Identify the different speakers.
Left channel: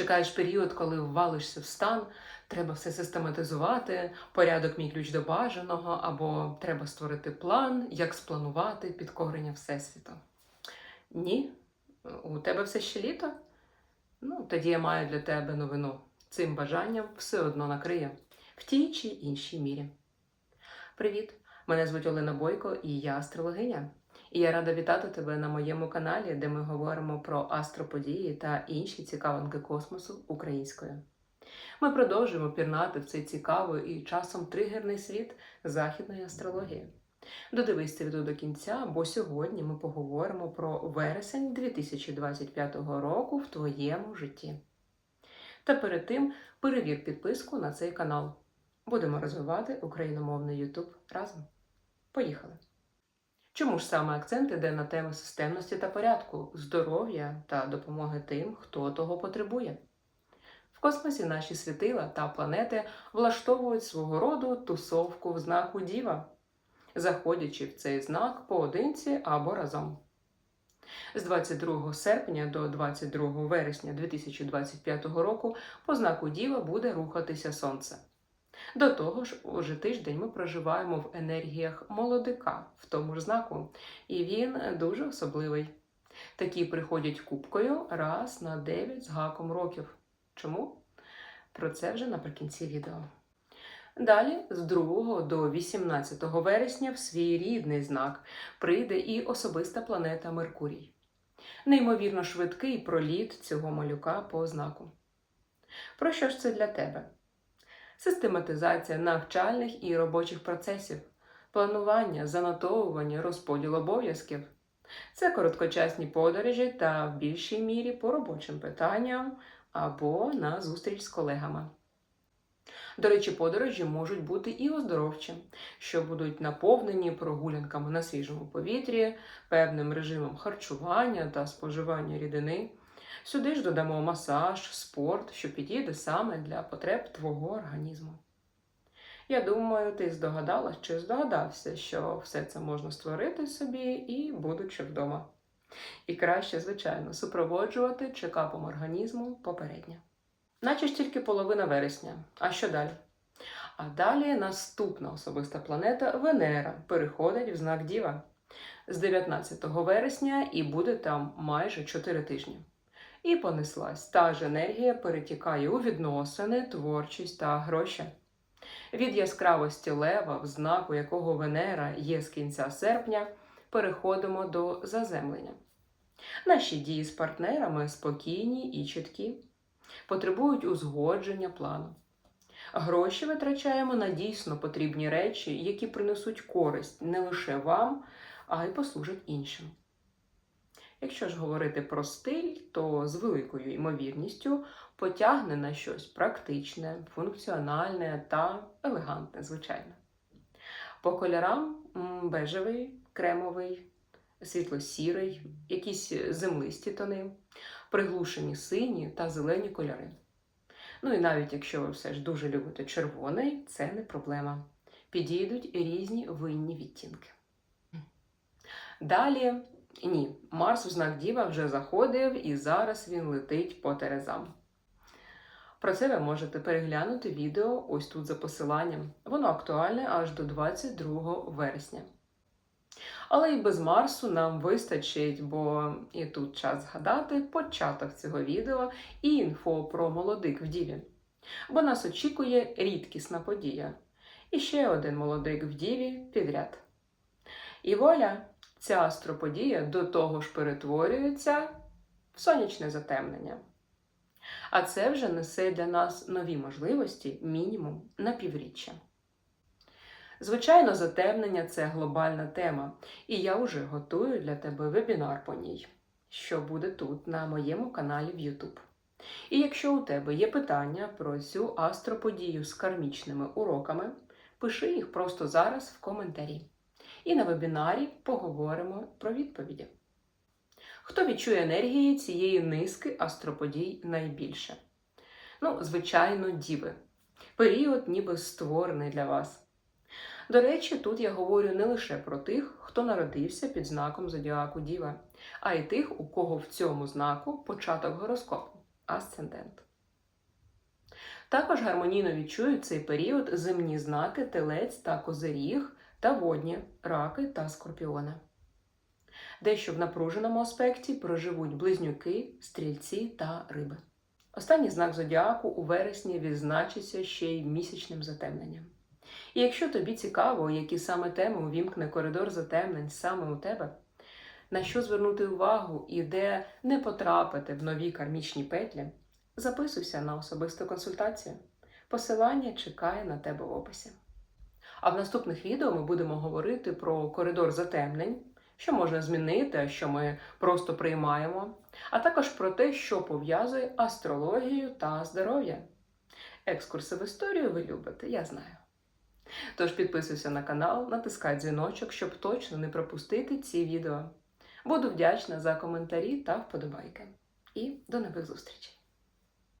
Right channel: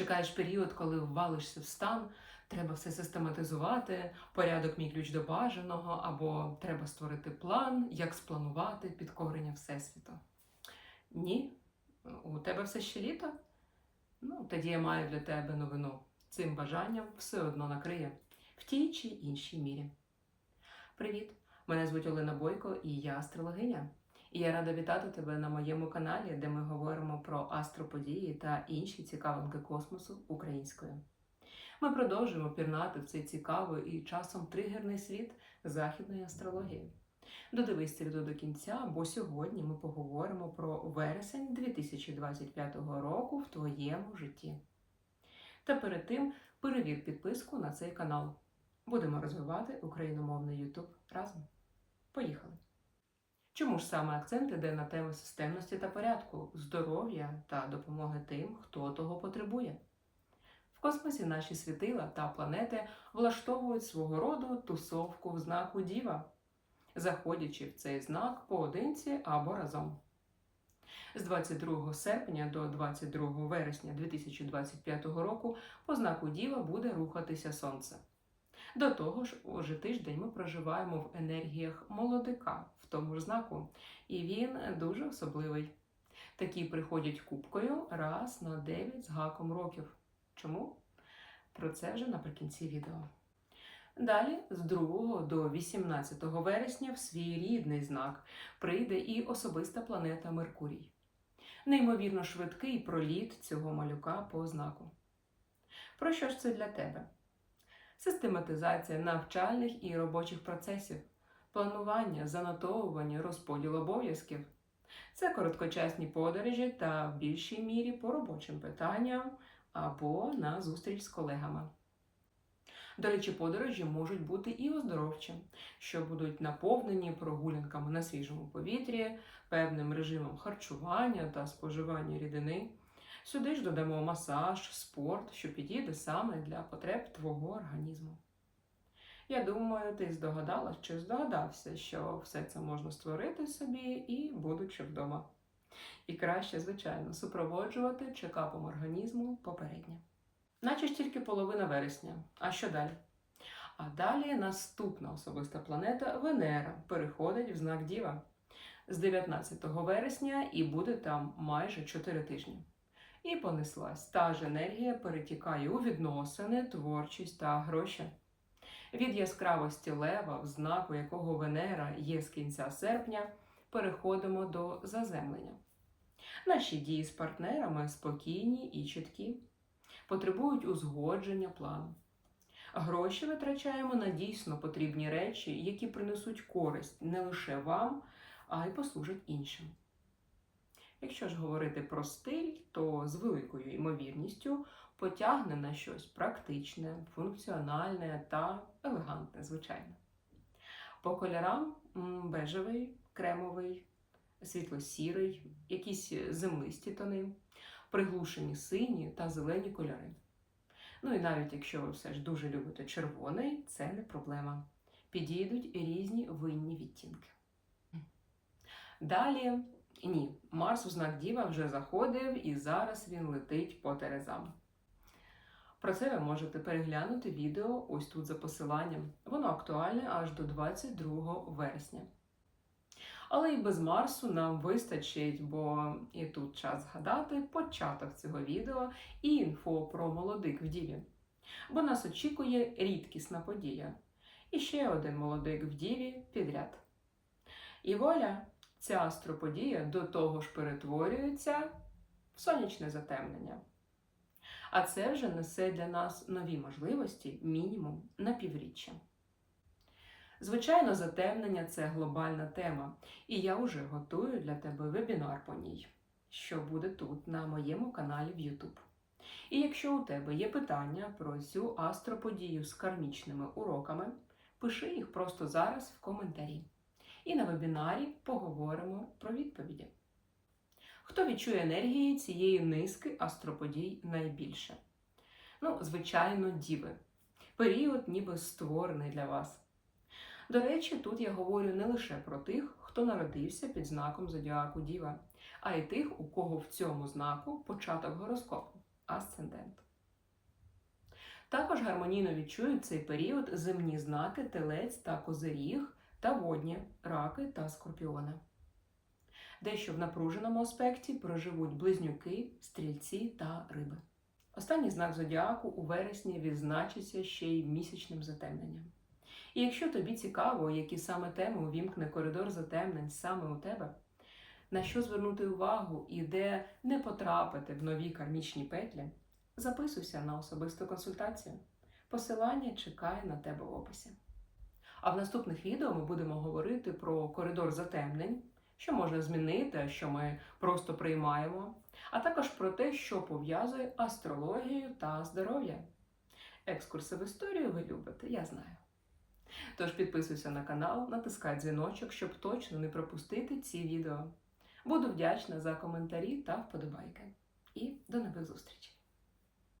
Speaker 1: Чекаєш період, коли ввалишся в стан, треба все систематизувати, порядок мій ключ до бажаного, або треба створити план, як спланувати підкорення Всесвіту. Ні, у тебе все ще літо? Ну, тоді я маю для тебе новину. Цим бажанням все одно накриє в тій чи іншій мірі. Привіт! Мене звуть Олена Бойко і я астрологиня. І я рада вітати тебе на моєму каналі, де ми говоримо про астроподії та інші цікавинки космосу українською. Ми продовжуємо пірнати в цей цікавий і часом тригерний світ західної астрології. Додивись це відео до кінця, бо сьогодні ми поговоримо про вересень 2025 року в твоєму житті. Та перед тим перевір підписку на цей канал. Будемо розвивати україномовний YouTube разом. Поїхали! Чому ж саме акцент іде на теми системності та порядку, здоров'я та допомоги тим, хто того потребує? В космосі наші світила та планети влаштовують свого роду тусовку в знаку Діва, заходячи в цей знак поодинці або разом. З 22 серпня до 22 вересня 2025 року по знаку Діва буде рухатися Сонце. До того ж, уже тиждень ми проживаємо в енергіях молодика в тому ж знаку, і він дуже особливий. Такі приходять кубкою раз на 9 з гаком років. Чому? Про це вже наприкінці відео. Далі, з 2 до 18 вересня, в свій рідний знак прийде і особиста планета Меркурій. Неймовірно швидкий проліт цього малюка по знаку. Про що ж це для тебе? Систематизація навчальних і робочих процесів, планування, занотовування, розподіл обов'язків. Це короткочасні подорожі та в більшій мірі по робочим питанням або на зустріч з колегами. До речі, подорожі можуть бути і оздоровчі, що будуть наповнені прогулянками на свіжому повітрі, певним режимом харчування та споживання рідини. Сюди ж додамо масаж, спорт, що підійде саме для потреб твого організму. Я думаю, ти здогадалась чи здогадався, що все це можна створити собі і будучи вдома. І краще, звичайно, супроводжувати чекапом організму попередньо. Наче ж тільки половина вересня. А що далі? А далі наступна особиста планета Венера переходить в знак Діва з 19 вересня і буде там майже 4 тижні. І понеслась та ж енергія перетікає у відносини, творчість та гроші. Від яскравості лева, в знаку якого Венера є з кінця серпня, переходимо до заземлення. Наші дії з партнерами спокійні і чіткі, потребують узгодження плану. Гроші витрачаємо на дійсно потрібні речі, які принесуть користь не лише вам, а й послужать іншим. Якщо ж говорити про стиль, то з великою ймовірністю потягне на щось практичне, функціональне та елегантне, звичайно. По кольорам бежевий, кремовий, світло-сірий, якісь землисті тони, приглушені сині та зелені кольори. Ну і навіть якщо ви все ж дуже любите червоний, це не проблема. Підійдуть різні винні відтінки. Далі ні, Марс у знак Діва вже заходив і зараз він летить по Терезам. Про це ви можете переглянути відео ось тут за посиланням. Воно актуальне аж до 22 вересня. Але і без Марсу нам вистачить, бо і тут час згадати початок цього відео і інфо про молодик в Діві. Бо нас очікує рідкісна подія. І ще один молодик в Діві підряд. І воля! Ця астроподія до того ж перетворюється в сонячне затемнення. А це вже несе для нас нові можливості мінімум на півріччя. Звичайно, затемнення це глобальна тема, і я вже готую для тебе вебінар по ній, що буде тут, на моєму каналі в YouTube. І якщо у тебе є питання про цю астроподію з кармічними уроками, пиши їх просто зараз в коментарі. І на вебінарі поговоримо про відповіді. Хто відчує енергії цієї низки астроподій найбільше? Ну, звичайно, діви. Період ніби створений для вас. До речі, тут я говорю не лише про тих, хто народився під знаком Зодіаку Діва, а й тих, у кого в цьому знаку початок гороскопу асцендент. Також гармонійно відчують цей період земні знаки телець та козиріг та водні раки та скорпіони. Дещо в напруженому аспекті проживуть близнюки, стрільці та риби. Останній знак зодіаку у вересні відзначиться ще й місячним затемненням. І якщо тобі цікаво, які саме теми увімкне коридор затемнень саме у тебе, на що звернути увагу і де не потрапити в нові кармічні петлі, записуйся на особисту консультацію. Посилання чекає на тебе в описі. А в наступних відео ми будемо говорити про коридор затемнень, що можна змінити, а що ми просто приймаємо, а також про те, що пов'язує астрологію та здоров'я. Екскурси в історію ви любите, я знаю. Тож підписуйся на канал, натискай дзвіночок, щоб точно не пропустити ці відео. Буду вдячна за коментарі та вподобайки. І до нових зустрічей!